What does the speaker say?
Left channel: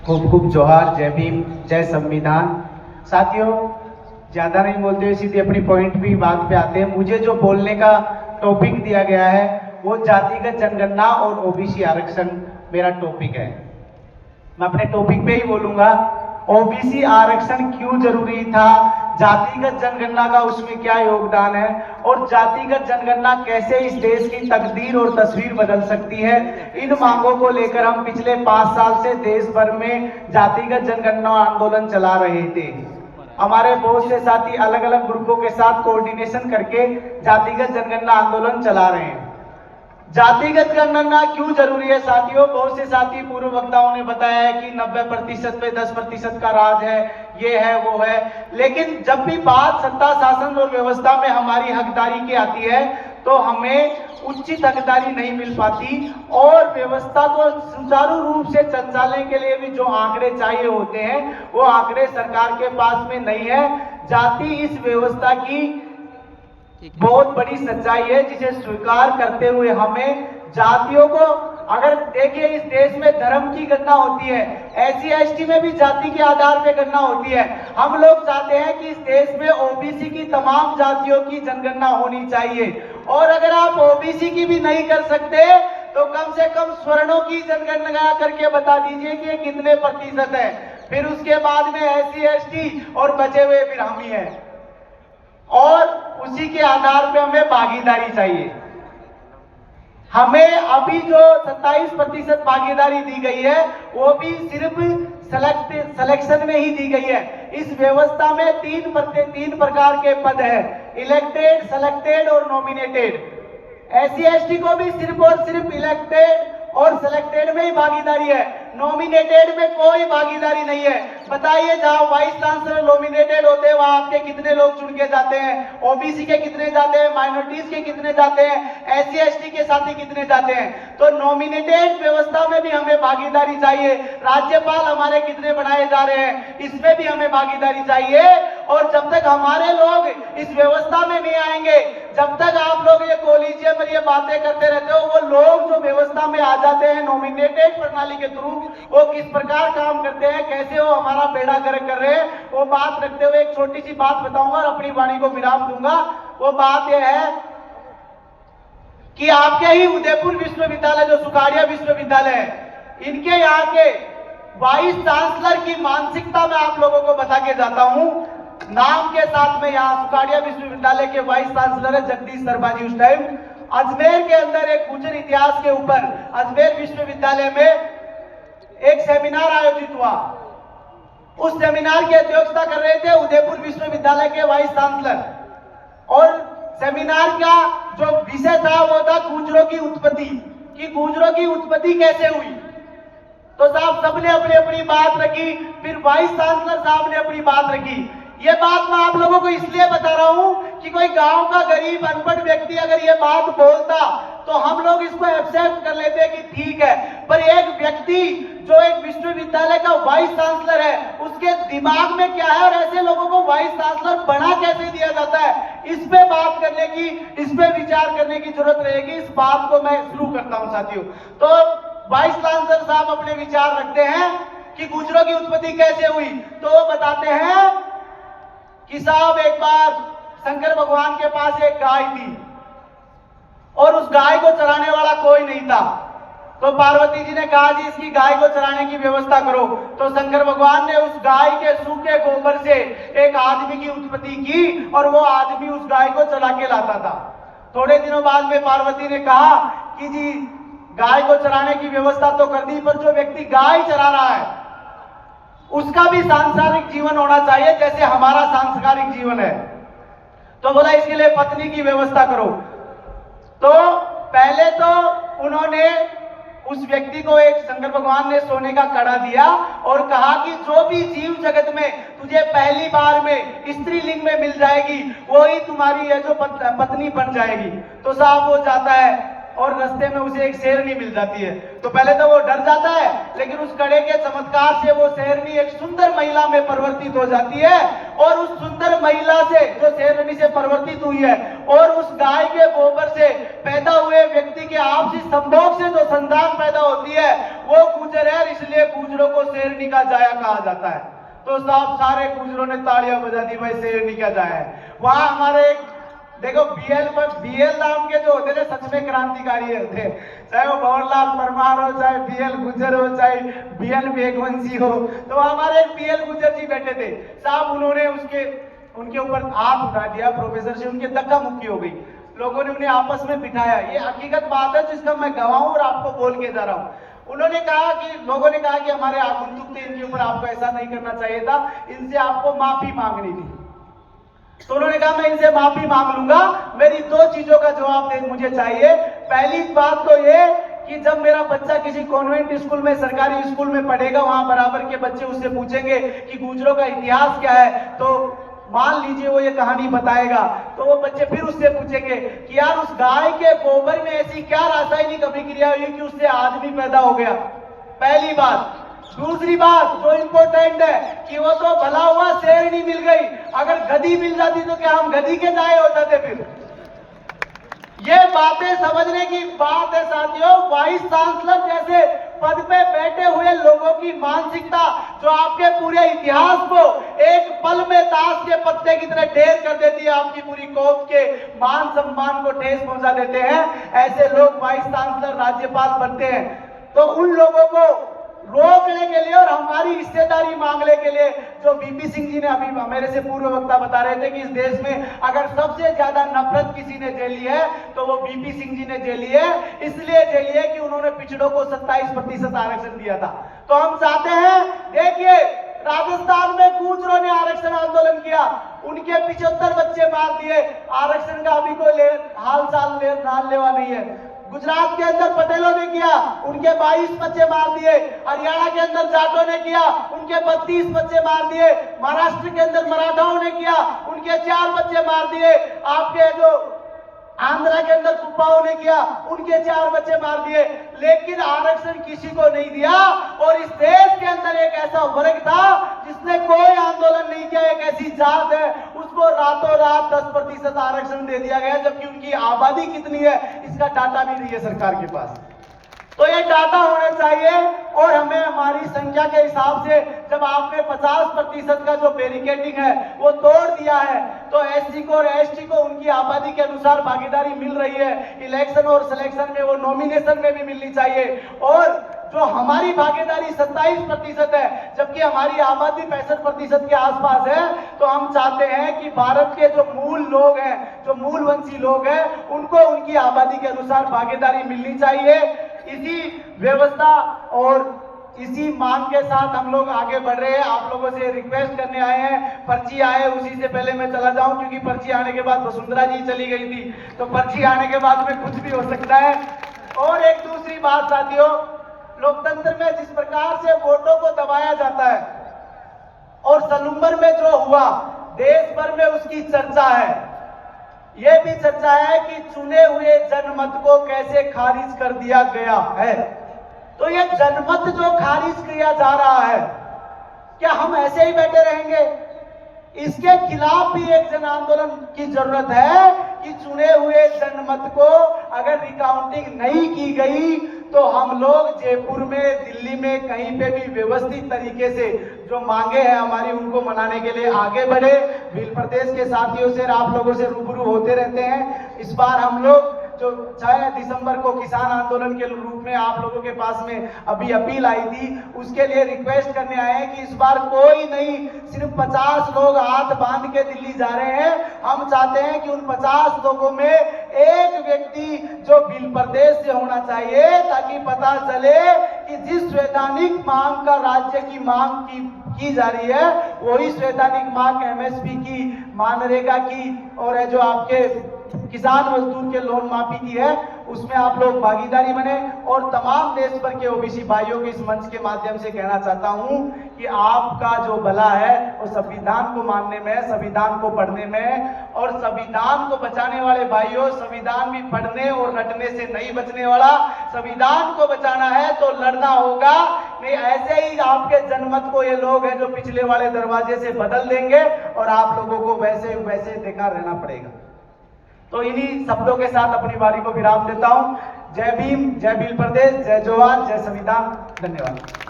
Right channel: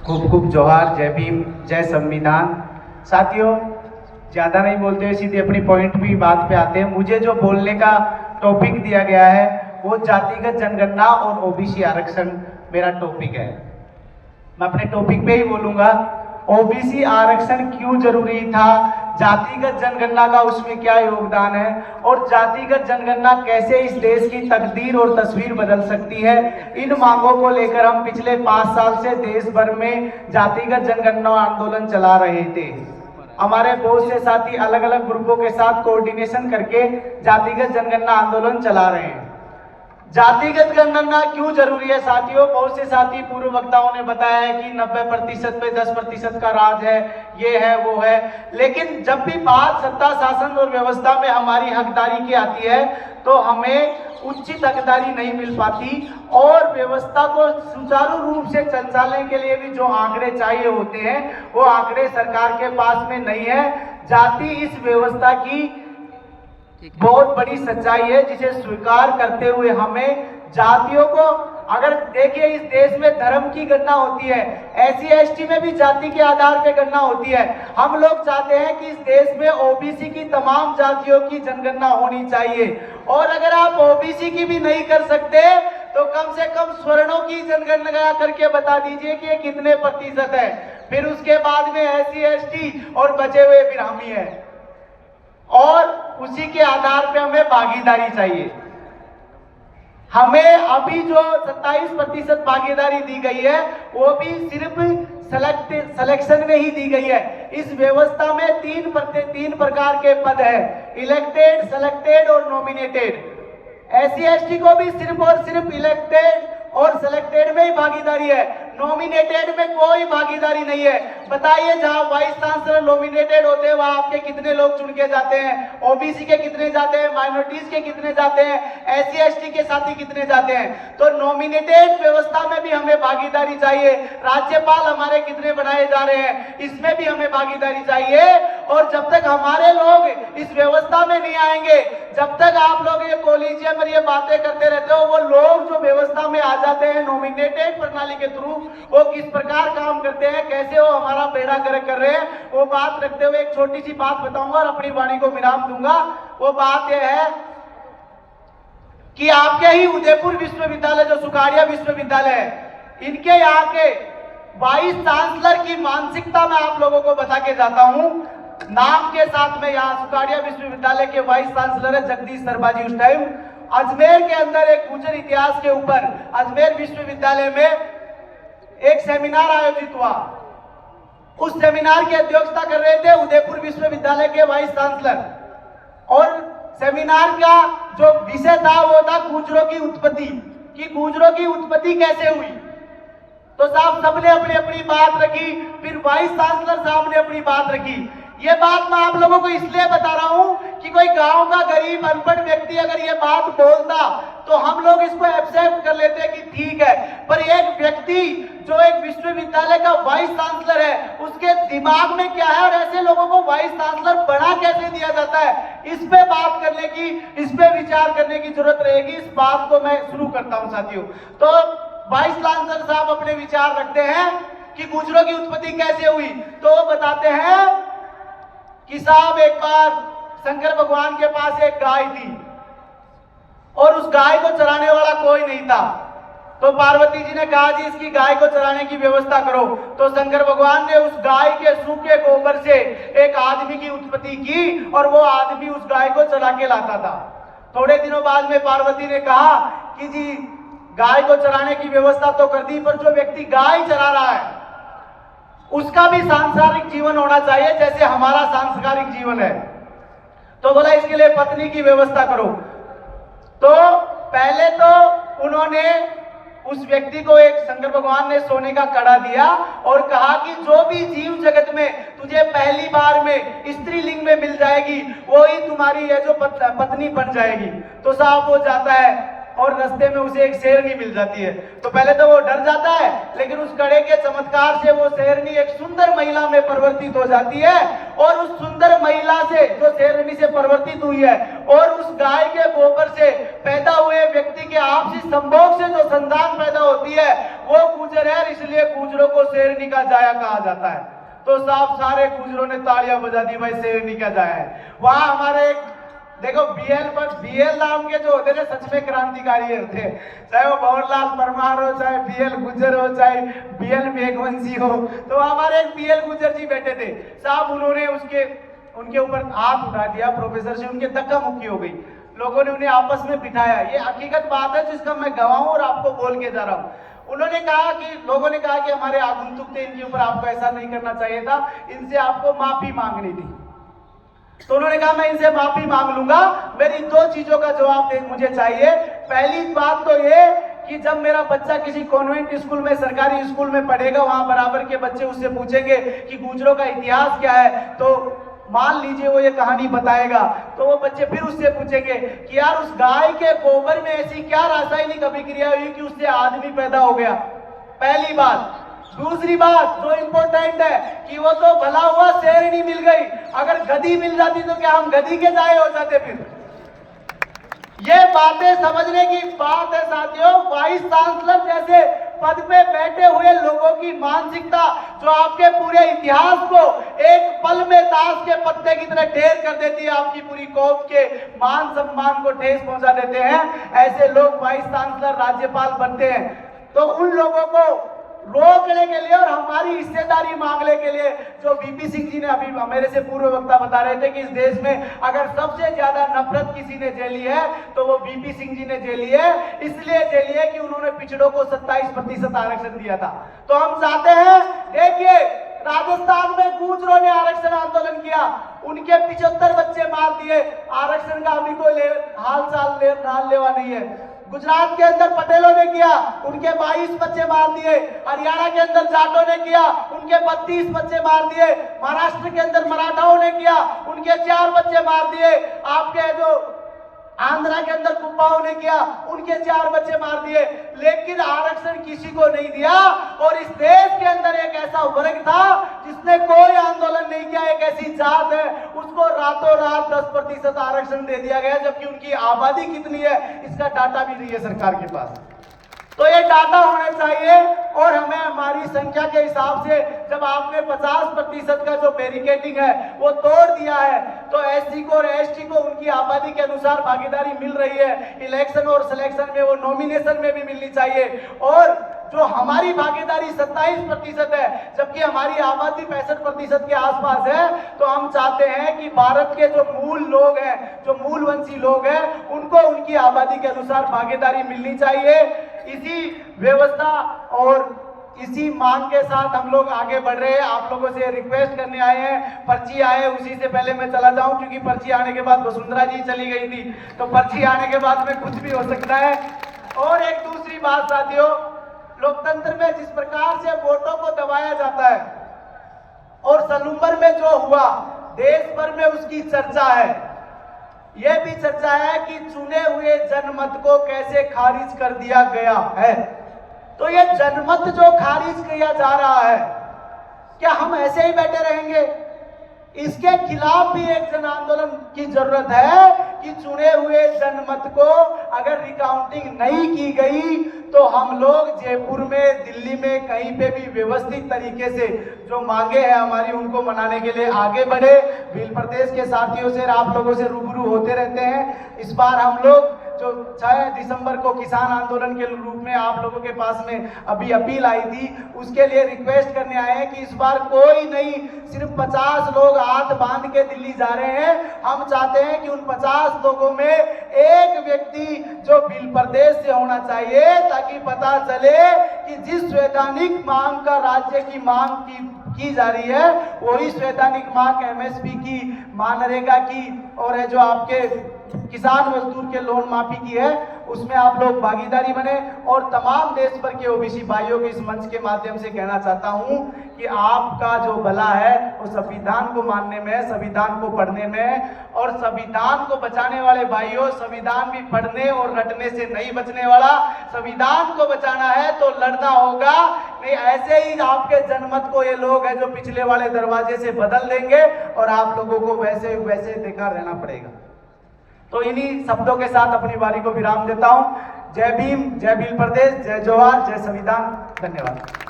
खूब खूब जोहार, जय भीम, जय संविधान। साथियों, ज़्यादा नहीं बोलते हुए सीधे अपनी पॉइंट भी बात पे आते हैं। मुझे जो बोलने का टॉपिक दिया गया है वो जातिगत जनगणना और ओबीसी आरक्षण मेरा टॉपिक है। मैं अपने टॉपिक पे ही बोलूंगा। ओबीसी आरक्षण क्यों जरूरी था, जातिगत जनगणना का उसमें क्या योगदान है और जातिगत जनगणना कैसे इस देश की तकदीर और तस्वीर बदल सकती है। इन मांगों को लेकर हम पिछले 5 साल से देश भर में जातिगत जनगणना आंदोलन चला रहे थे। हमारे बहुत से साथी अलग अलग ग्रुपों के साथ कोऑर्डिनेशन करके जातिगत जनगणना आंदोलन चला रहे हैं। जातिगत जनगणना क्यों जरूरी है साथियों? बहुत से साथी पूर्व वक्ताओं ने बताया है कि 90% पे 10% का राज है, ये है वो है, लेकिन जब भी बात सत्ता शासन और व्यवस्था में हमारी हकदारी की आती है तो हमें उचित हकदारी नहीं मिल पाती और व्यवस्था को सुचारू रूप से संचालन के लिए भी जो आंकड़े चाहिए होते हैं वो आंकड़े सरकार के पास में नहीं है। जाति इस व्यवस्था की बहुत बड़ी सच्चाई है जिसे स्वीकार करते हुए हमें जातियों को, अगर देखिए इस देश में धर्म की गणना होती है, एससी एसटी में भी जाति के आधार पे गणना होती है। हम लोग चाहते हैं कि इस देश में ओबीसी की तमाम जातियों की जनगणना होनी चाहिए और अगर आप ओबीसी की भी नहीं कर सकते तो कम से कम स्वर्णों की जनगणना करके बता दीजिए कि कितने प्रतिशत है। फिर उसके बाद में एससी एसटी और बचे हुए फिर हम ही हैं और उसी के आधार पे हमें भागीदारी चाहिए। हमें अभी जो 27% भागीदारी दी गई है वो भी सिर्फ सिलेक्शन में ही दी गई है। इस व्यवस्था में तीन प्रकार के पद है, इलेक्टेड, सेलेक्टेड और नॉमिनेटेड। एससी एसटी को भी सिर्फ और सिर्फ इलेक्टेड और सिलेक्टेड में ही भागीदारी है, नॉमिनेटेड में कोई भागीदारी नहीं है। बताइए जहां वाइस चांसलर नॉमिनेटेड होते हैं वहां आपके कितने लोग चुन के जाते हैं, ओबीसी के कितने जाते हैं, माइनॉरिटीज के कितने जाते हैं, एससी एसटी के साथी कितने जाते हैं। तो नॉमिनेटेड व्यवस्था में भी हमें भागीदारी चाहिए। राज्यपाल हमारे कितने बनाए जा रहे हैं इसमें भी हमें भागीदारी चाहिए और जब तक हमारे लोग इस व्यवस्था में नहीं आएंगे, जब तक आप लोग ये कॉलेजियम में ये बातें करते रहते हो, वो लोग जो व्यवस्था में आ जाते हैं नॉमिनेटेड प्रणाली के थ्रू, वो किस प्रकार काम करते हैं, कैसे वो हमारा बेड़ा गर्क कर रहे हैं, वो बात रखते हुए एक छोटी सी बात बताऊंगा और अपनी वाणी को विराम दूंगा। वो बात यह है कि आपके ही उदयपुर विश्वविद्यालय जो सुखाड़िया विश्वविद्यालय है, इनके यहाँ के वाइस चांसलर की मानसिकता मैं आप लोगों को बता के जाता हूं। नाम के साथ में यहाँ सुखाड़िया विश्वविद्यालय के वाइस चांसलर है जगदीश सरबाजी। उस टाइम अजमेर के अंदर एक गुर्जर इतिहास के ऊपर अजमेर विश्वविद्यालय में एक सेमिनार आयोजित हुआ। उस सेमिनार की अध्यक्षता कर रहे थे उदयपुर विश्वविद्यालय के वाइस चांसलर और सेमिनार का जो विषय था वो था गुर्जरों की उत्पत्ति, कि गुर्जरों की उत्पत्ति कैसे हुई। तो साहब सबने अपनी अपनी बात रखी, फिर वाइस चांसलर साहब ने अपनी बात रखी। ये बात मैं आप लोगों को इसलिए बता रहा हूं कि कोई गांव का गरीब अनपढ़ व्यक्ति अगर ये बात बोलता तो हम लोग इसको एक्सेप्ट कर लेते कि ठीक है, पर एक व्यक्ति जो एक विश्वविद्यालय का वाइस चांसलर है उसके दिमाग में क्या है और ऐसे लोगों को वाइस चांसलर बना कैसे दिया जाता है, इस पे बात करने की, इस पे विचार करने की जरूरत रहेगी। इस बात को मैं शुरू करता हूं साथियों। तो वाइस चांसलर साहब अपने विचार रखते हैं कि गुर्जरों की उत्पत्ति कैसे हुई, तो बताते हैं कि साहब एक बार शंकर भगवान के पास एक गाय थी और उस गाय को चराने वाला कोई नहीं था। तो पार्वती जी ने कहा जी इसकी गाय को चराने की व्यवस्था करो। तो शंकर भगवान ने उस गाय के सूखे गोबर से एक आदमी की उत्पत्ति की और वो आदमी उस गाय को चरा के लाता था। थोड़े दिनों बाद में पार्वती ने कहा कि जी गाय को चराने की व्यवस्था तो कर दी, पर जो व्यक्ति गाय चरा रहा है उसका भी सांसारिक जीवन होना चाहिए जैसे हमारा सांस्कारिक जीवन है। तो बोला इसके लिए पत्नी की व्यवस्था करो। तो पहले तो उन्होंने उस व्यक्ति को एक शंकर भगवान ने सोने का कड़ा दिया और कहा कि जो भी जीव जगत में तुझे पहली बार में स्त्री लिंग में मिल जाएगी वही तुम्हारी है जो पत्नी बन जाएगी। तो साहब वो जाता है और रास्ते में उसे एक शेरनी मिल जाती है। तो पहले तो वो डर जाता है, लेकिन उस कड़े के चमत्कार से वो शेरनी एक सुंदर महिला में परिवर्तित हो जाती है और उस सुंदर महिला से जो शेरनी से परिवर्तित हुई है और उस गाय के गोबर से पैदा हुए व्यक्ति के आपसी संभोग से जो संतान पैदा होती है वो गुजर है, इसलिए गुजरों को शेरनी का जाया कहा जाता है। तो साहब सारे गुजरों ने तालियां बजा दी, भाई शेरनी का जाया है। वहां हमारे एक देखो बीएल नाम के जो होते थे सच में क्रांतिकारी होते, चाहे वो भंवरलाल परमार हो, चाहे बीएल गुजर हो, चाहे बीएल मेघवंशी हो। तो हमारे बीएल गुजर जी बैठे थे साहब, उन्होंने उनके ऊपर हाथ उठा दिया प्रोफेसर से, उनके धक्का मुक्की हो गई, लोगों ने उन्हें आपस में बिठाया। ये हकीकत बात है जिसका मैं गवाह हूं और आपको बोल के जा रहा हूं। उन्होंने कहा कि लोगों ने कहा कि हमारे आगंतुक थे, इनके ऊपर आपको ऐसा नहीं करना चाहिए था, इनसे आपको माफी मांगनी थी। तो उन्होंने कहा मैं इनसे माफी मांग लूंगा, मेरी दो चीजों का जवाब मुझे चाहिए। पहली बात तो ये कि जब मेरा बच्चा किसी कॉन्वेंट स्कूल में, सरकारी स्कूल में पढ़ेगा, वहां बराबर के बच्चे उससे पूछेंगे कि गुजरों का इतिहास क्या है, तो मान लीजिए वो ये कहानी बताएगा, तो वो बच्चे फिर उससे पूछेंगे कि यार उस गाय के गोबर में ऐसी क्या रासायनिक अभिक्रिया हुई कि उससे आदमी पैदा हो गया। पहली बात। दूसरी बात जो इंपॉर्टेंट है कि वो तो भला हुआ शेरनी मिल गई, अगर गधी मिल जाती तो क्या हम गधी के जाए हो जाते? फिर ये बातें समझने की बात है साथियों। वाइस चांसलर जैसे पद पे बैठे हुए लोगों की मानसिकता जो आपके पूरे इतिहास को एक पल में ताश के पत्ते की तरह ढेर कर देती है, आपकी पूरी कौम के मान सम्मान को ठेस पहुंचा देते हैं, ऐसे लोग वाइस चांसलर, राज्यपाल बनते हैं। तो उन लोगों को रोकने के लिए और हमारी हिस्सेदारी मांगने के लिए, जो बीपी सिंह जी ने अभी मेरे से पूर्व वक्ता बता रहे थे कि इस देश में अगर सबसे ज्यादा नफरत किसी ने झेली है तो वो बीपी सिंह जी ने झेली है। इसलिए झेली है कि उन्होंने पिछड़ों को 27% आरक्षण दिया था। तो हम चाहते हैं, देखिए राजस्थान में गुजरों ने आरक्षण आंदोलन किया, उनके 75 बच्चे मार दिए, आरक्षण का अभी कोई हाल चाल नाल लेवा नहीं है। गुजरात के अंदर पटेलों ने किया, उनके 22 बच्चे मार दिए। हरियाणा के अंदर जाटों ने किया, उनके 32 बच्चे मार दिए। महाराष्ट्र के अंदर मराठाओं ने किया, उनके 4 बच्चे मार दिए। आपके जो आंध्रा के अंदर कुप्पाओं ने किया, उनके 4 बच्चे मार दिए। लेकिन आरक्षण किसी को नहीं दिया। और इस देश के अंदर एक ऐसा वर्ग था जिसने कोई आंदोलन नहीं किया, एक ऐसी जात है, उसको रातों रात 10% आरक्षण दे दिया गया, जबकि उनकी आबादी कितनी है इसका डाटा भी नहीं है सरकार के पास। तो ये डाटा होना चाहिए। और हमें हमारी संख्या के हिसाब से जब आपने 50% का जो बैरिकेडिंग है वो तोड़ दिया है, तो एससी को और एसटी को उनकी आबादी के अनुसार भागीदारी मिल रही है। इलेक्शन और सिलेक्शन में, वो नॉमिनेशन में भी मिलनी चाहिए। और जो हमारी भागीदारी 27% है, जबकि हमारी आबादी 65% के आसपास है, तो हम चाहते हैं कि भारत के जो मूल लोग हैं, जो मूलवंशी लोग हैं, उनको उनकी आबादी के अनुसार भागीदारी मिलनी चाहिए। इसी व्यवस्था और इसी मांग के साथ हम लोग आगे बढ़ रहे हैं। आप लोगों से रिक्वेस्ट करने आए हैं। पर्ची आए, उसी से पहले मैं चला जाऊं, क्योंकि पर्ची आने के बाद वसुंधरा जी चली गई थी, तो पर्ची आने के बाद में कुछ भी हो सकता है। और एक दूसरी बात साथियों, लोकतंत्र में जिस प्रकार से वोटों को दबाया जाता है और सलूम्बर में जो हुआ, देश भर में उसकी चर्चा है। यह भी चर्चा है कि चुने हुए जनमत को कैसे खारिज कर दिया गया है। तो ये जनमत जो खारिज किया जा रहा है, क्या हम ऐसे ही बैठे रहेंगे? इसके खिलाफ भी एक जन आंदोलन की जरूरत है कि चुने हुए जनमत को अगर रिकाउंटिंग नहीं की गई तो हम लोग जयपुर में, दिल्ली में, कहीं पे भी व्यवस्थित तरीके से जो मांगे हैं हमारी, उनको मनाने के लिए आगे बढ़े। भील प्रदेश के साथियों से, आप लोगों से रूबरू होते रहते हैं। इस बार हम लोग जो 6 दिसंबर को किसान आंदोलन के रूप में आप लोगों के पास में अभी अपील आई थी, उसके लिए रिक्वेस्ट करने आए हैं कि इस बार कोई नहीं, सिर्फ 50 लोग हाथ बांध के दिल्ली जा रहे हैं। हम चाहते हैं कि उन 50 लोगों में एक व्यक्ति जो भील प्रदेश से होना चाहिए, ताकि पता चले कि जिस वैधानिक मांग का राज्य की मांग की जा रही है, वही वैधानिक मांग एमएसपी की, मनरेगा की और है जो आपके किसान मजदूर के लोन माफी की है, उसमें आप लोग भागीदारी बने। और तमाम देश भर के ओबीसी भाइयों को इस मंच के माध्यम से कहना चाहता हूं कि आपका जो भला है वो संविधान को मानने में, संविधान को पढ़ने में, और संविधान को बचाने वाले भाइयों, संविधान भी पढ़ने और रटने से नहीं बचने वाला। संविधान को बचाना है तो लड़ना होगा, नहीं ऐसे ही आपके जनमत को ये लोग हैं जो पिछले वाले दरवाजे से बदल देंगे और आप लोगों को वैसे वैसे देखा रहना पड़ेगा। तो इन्हीं शब्दों के साथ अपनी बारी को विराम देता हूं। जय भीम, जय भील प्रदेश, जय जोहार, जय संविधान। धन्यवाद।